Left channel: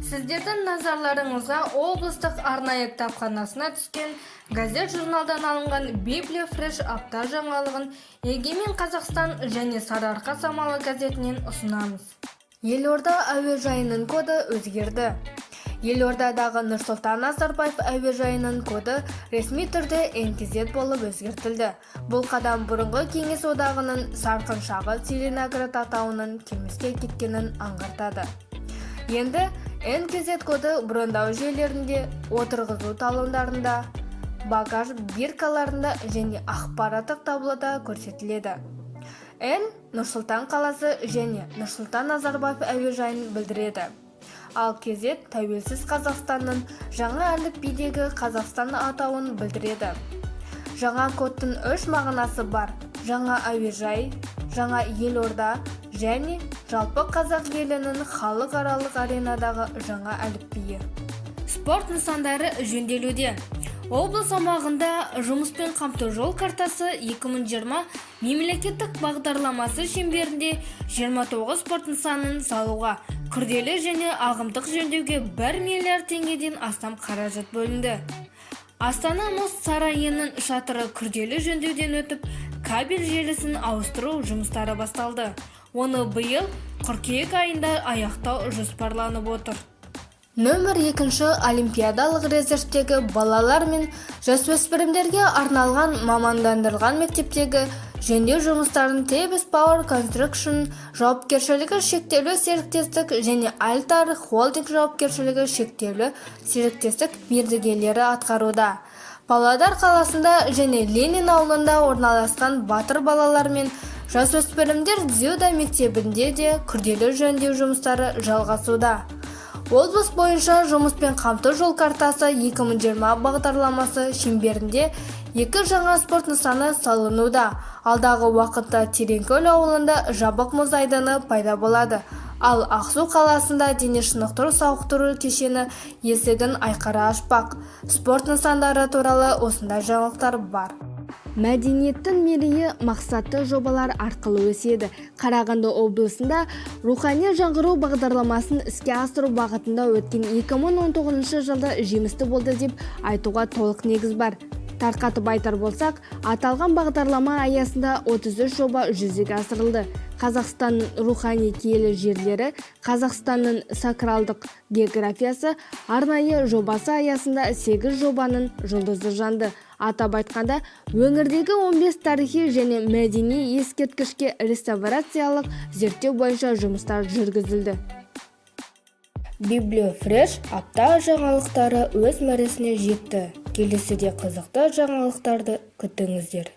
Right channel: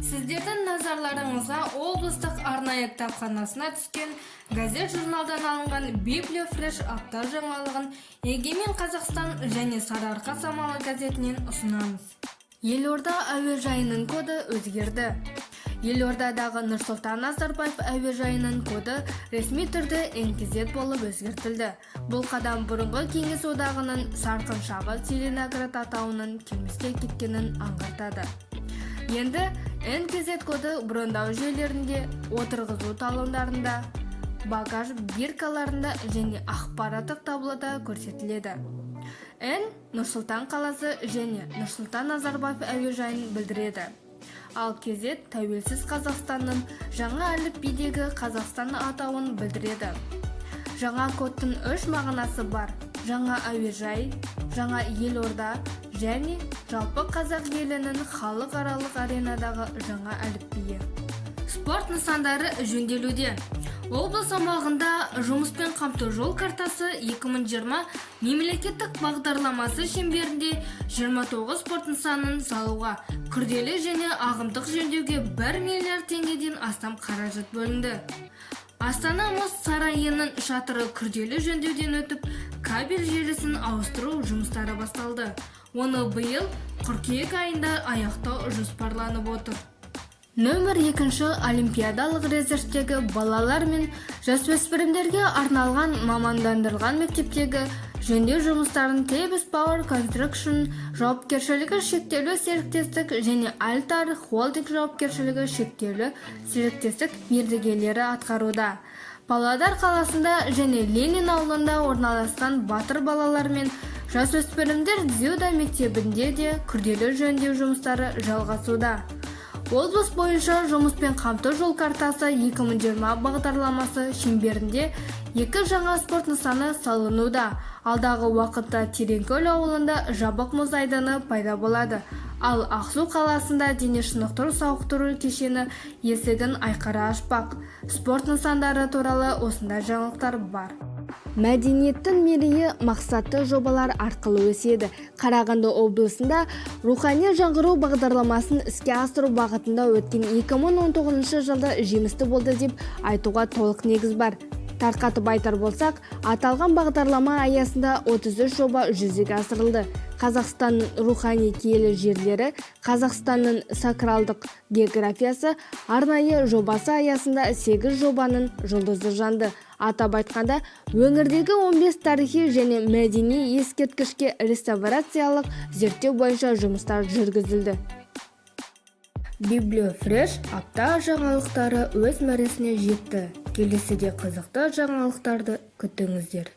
Сіздердің назарларыңызға облыстық арнайы кітапханасына түскен газет-журналдан алынған Библия Фреш апта жаңалығын Егемен Қазақстан және Сарыарқа самалы газетінен ұсынамыз. Елорда әуежайының коды өзгерді. Елордадағы Нұрсұлтан Назарбаев әуежайының коды ресми түрде НКЗ болып өзгертілді. Бұл қадам бұрынғы Кеңес одағының сарқыншағы Целиноград атауының келмеске кеткенін аңғартады. Енді НКЗ коды брондау жүйелерінде, отырғызу талондарында, багаж биркаларында және ақпараттық таблода көрсетіледі. Н Нұрсұлтан қаласы және Нұрсұлтан Назарбаев әуежайын білдіреді. Ал КЗ тәуелсіз Қазақстанның жаңа әліпбидегі Қазақстан атауын білдіреді. Жаңа кодтың 3 мағынасы бар: жаңа әуежай, жаңа елорда және жалпы қазақ елінің халықаралық аренадағы жаңа әліпбиі. Спорт нысандары жөнделуде. Облыс аумағында жұмыспен қамту жол картасы 2020 мемлекеттік бағдарламасы шеңберінде 29 спорт нысанын салуға, күрделі және ағымдық жөндеуге 1 миллиард теңгеден астам қаражат бөлінді. Астана мұз сарайының шатыры күрделі жөндеуден өтіп, кабель желісін ауыстыру жұмыстары басталды. Оны биыл қыркүйек айында аяқтау жоспарланып отыр. Нөмір 2 олимпиадалық резервтегі балалар мен жасөспірімдерге арналған мамандандырылған мектептегі жөндеу жұмыстарын Тебіс Power Construction жауапкершілігі шектеулі серіктестік және Альтар Холдинг жауапкершілігі шектеулі серіктестік мердігерлері атқаруда. Павлодар қаласында және Ленин ауылында орналасқан Батыр балалар мен жасөспірімдер дзюдо мектебінде де күрделі жөндеу жұмыстары жалғасуда. Облыс бойынша жұмыспен қамту жол картасы 2020 бағдарламасы шеңберінде 2 жаңа спорт нысаны салынуда. Алдағы уақытта Тереңкөл ауылында жабық мұз айдыны пайда болады. Ал Ақсу қаласында дене шынықтыру сауықтыру кешені есігін айқара ашпақ. Спорт нысандары туралы осындай жаңалықтар бар. Мәдениеттің мерейі мақсатты жобалар арқылы өседі. Қарағанды облысында рухани жаңғыру бағдарламасын іске асыру бағытында өткен 2019 жылда жемісті болды деп айтуға толық негіз бар. Тарқатып айтар болсақ, аталған бағдарлама аясында 33 жоба жүзеге асырылды. Қазақстанның рухани киелі жерлері, Қазақстанның сакралдық географиясы арнайы жобасы аясында 8 жобаның жұлдызы жанды. Атап айтқанда, өңірдегі 15 тарихи және мәдени ескерткішке реставрациялық зерттеу бойынша жұмыстар жүргізілді. Библия Фреш апта жаңалықтары өз мәресіне жетті. Келесіде қызықты жаңалықтарды күтіңіздер.